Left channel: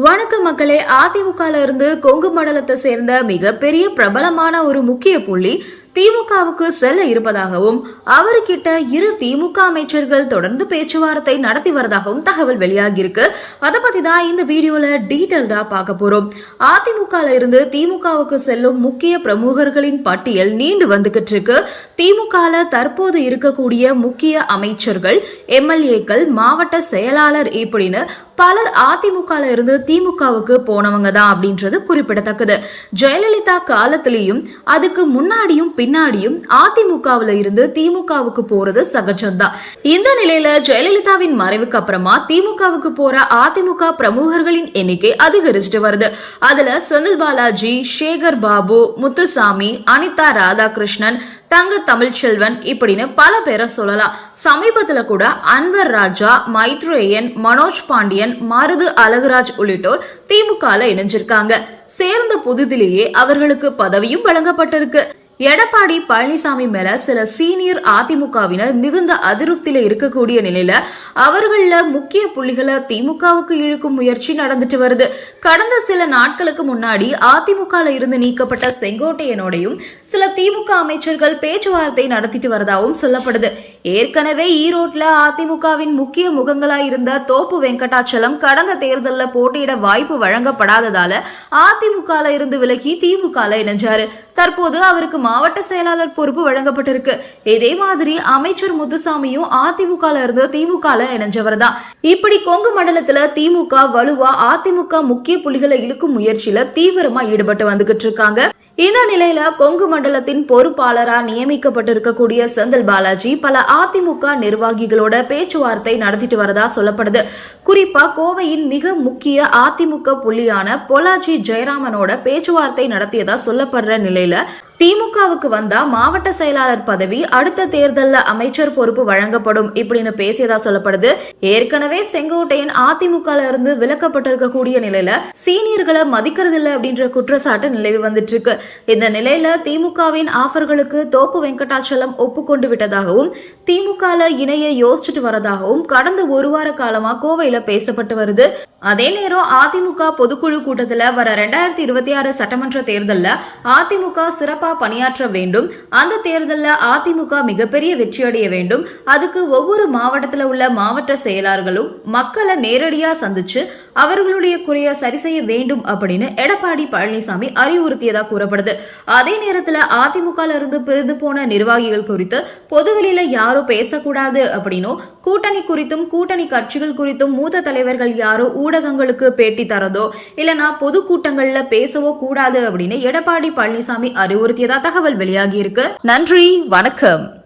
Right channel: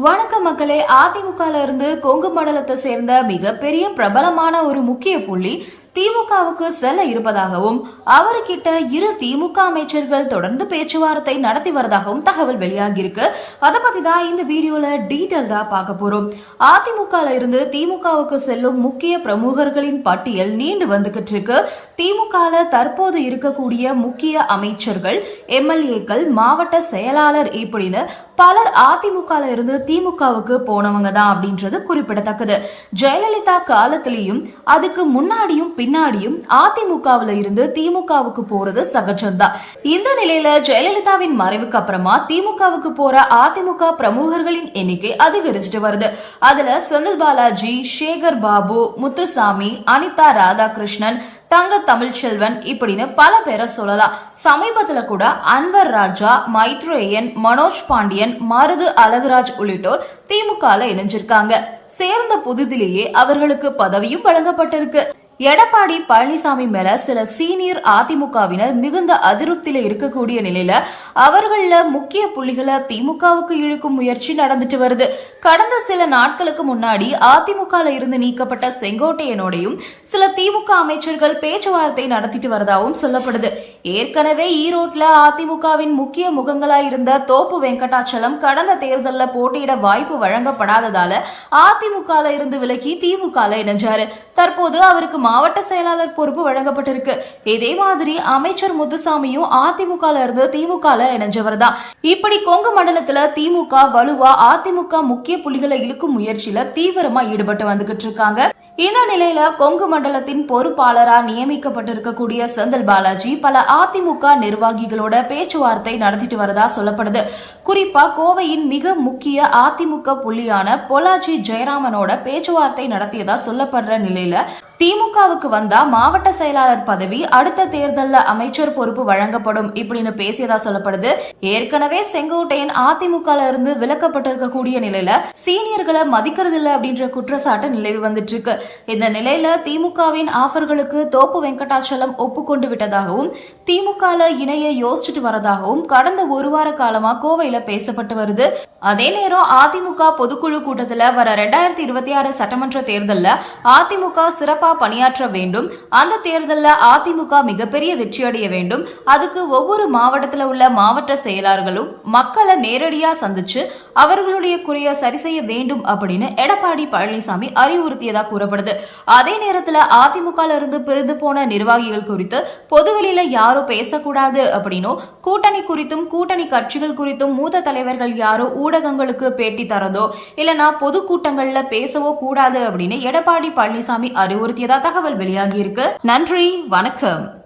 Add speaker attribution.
Speaker 1: வணக்கம் மக்களே அதிமுகல இருந்து கொங்கு மண்டலத்தை சேர்ந்த மிகப்பெரிய பிரபலமான ஒரு முக்கிய புள்ளி திமுகவுக்கு செல்ல இருப்பதாகவும் அவர்கிட்ட இரு திமுக அமைச்சர்கள் தொடர்ந்து பேச்சுவார்த்தை நடத்தி வரதாகவும் தகவல் வெளியாகியிருக்கு. அதை பத்தி தான் இந்த வீடியோல டீட்டெயில்டா பார்க்க போறோம். அதிமுக இருந்து திமுகவுக்கு செல்லும் முக்கிய பிரமுகர்களின் பட்டியல் நீண்டு வந்துகிட்டு இருக்கு. திமுக தற்போது இருக்கக்கூடிய முக்கிய அமைச்சர்கள் எம்எல்ஏக்கள் மாவட்ட செயலாளர் இப்படின்னு பலர் அதிமுக இருந்து திமுகவுக்கு போனவங்க தான் அப்படின்றது குறிப்பிடத்தக்கது. ஜெயலலிதா காலத்திலையும் அதுக்கு முன்னாடியும் பின்னாடியும் அதிமுகவுல இருந்து திமுகவுக்கு போறது சகஜம்தான் இந்த நிலையில ஜெயலலிதாவின் மறைவுக்கு அப்புறமா திமுகவுக்கு போற அதிமுக பிரமுகர்களின் எண்ணிக்கை அதிகரிச்சுட்டு வருது. அதுல செந்தில் பாலாஜி சேகர் பாபு முத்துசாமி அனிதா ராதாகிருஷ்ணன் தங்க தமிழ்ச்செல்வன் இப்படின்னு பல பேரை சொல்லலாம். சமீபத்துல கூட அன்வர் ராஜா மைத்ரேயன் மனோஜ் பாண்டியன் மருது அழகுராஜ் உள்ளிட்டோர் திமுகவில் இணைஞ்சிருக்காங்க. சேர்ந்த புதுதிலேயே அவர்களுக்கு பதவியும் வழங்கப்பட்டிருக்கு. எடப்பாடி பழனிசாமி மேல சில சீனியர் அதிமுகவினர் மிகுந்த அதிருப்தியில இருக்கக்கூடிய நிலையில அவர்கள முக்கிய புள்ளிகளை திமுகவுக்கு இழுக்கும் முயற்சி நடந்துட்டு வருது. கடந்த சில நாட்களுக்கு முன்னாடி அதிமுக இருந்து நீக்கப்பட்ட செங்கோட்டையனோடையும் சில திமுக அமைச்சர்கள் பேச்சுவார்த்தை நடத்திட்டு வரதாகவும் சொல்லப்படுது. ஏற்கனவே ஈரோட்ல அதிமுகவின் முக்கிய முகங்களாக இருந்த தோப்பு வெங்கடாச்சலம் கடந்த தேர்தலில் போட்டியிட வாய்ப்பு வழங்கப்படாததால அதிமுகல இருந்து விலகி திமுகல இணைஞ்சாரு. தற்போது அவருக்கு மாவட்ட செயலாளர் பொறுப்பு வழங்கப்பட்டிருக்கு. இதே மாதிரி அமைச்சர் முத்துசாமியும் அதிமுக இருந்து திமுக இணைஞ்சவர் தான் இப்படி கொங்கு மண்டலத்துல திமுக வலுவா அதிமுக முக்கிய புள்ளிகளை இழுக்கும் முயற்சியில தீவிரமா ஈடுபட்டு வந்துகிட்டு இருக்காங்க. இந்த நிலையில கொங்கு மண்டலத்தின் பொறுப்பாளரா நியமிக்கப்பட்டிருக்கக்கூடிய செந்தில் பாலாஜி பல அதிமுக நிர்வாகிகளோட பேச்சுவார்த்தை நடத்திட்டு வரதா சொல்லப்படுது. குறிப்பா கோவையின் மிக முக்கிய அதிமுக புள்ளியான பொலாஜி ஜெயராமனோட பேச்சுவார்த்தை நடத்தியதா சொல்லப்படுற நிலையில திமுகவுக்கு வந்தா மாவட்ட செயலாளர் பதவி அடுத்த தேர்தல்ல அமைச்சர் பொறுப்பு வழங்கப்படும் இப்படின்னு பேசியதா சொல்லப்படுது. ஏற்கனவே செங்கோட்டையன் அதிமுக இருந்து விலக்கப்பட்டிருக்கக்கூடிய நிலையில சீனியர்களை மதிக்கிறது இல்ல அப்படின்ற குற்றச்சாட்டு நிலவி வந்துட்டு இருக்கு. இந்த நிலையில திமுகவின் ஆஃபர்களுக்கு தோப்பு வெங்கடாச்சலம் ஒப்புக்கொண்டு விட்டதாகவும் திமுக இணைய யோசிச்சுட்டு வரதாகவும் கடந்த ஒரு வார காலமா கோவையில பேசப்பட்டு வருது. அதே நேரம் அதிமுக பொதுக்குழு கூட்டத்துல வர ரெண்டாயிரத்தி இருபத்தி ஆறு சட்டமன்ற தேர்தல்ல அதிமுக சிறப்பா பணியாற்ற வேண்டும். அந்த தேர்தலில் அதிமுக மிகப்பெரிய வெற்றியடைய வேண்டும். அதுக்கு ஒவ்வொரு மாவட்டத்தில் உள்ள மாவட்ட செயலாளர்களும் மக்களை நேரடியா சந்திச்சு அவர்களுடைய குறைய சரி செய்ய வேண்டும் அப்படின்னு எடப்பாடி பழனிசாமி அறிவுறுத்தியதாக கூறப்படுது. அதே நேரத்தில் அதிமுக இருந்து பிரிந்து போன நிர்வாகிகள் குறித்து பொதுவெளியில யாரோ பேசக்கூடாது அப்படின்னும் கூட்டணி குறித்தும் கூட்டணி கட்சிகள் குறித்தும் மூத்த தலைவர்கள் யாரோ ஊடகங்களுக்கு பேட்டி தரதோ இல்லனா பொதுக்கூட்டங்கள்ல பேசவோ கூடாது அப்படின்னு எடப்பாடி பழனிசாமி அறிவுறுத்தியதா தகவல் வெளியாகி இருக்கு. நன்றி வணக்கம்.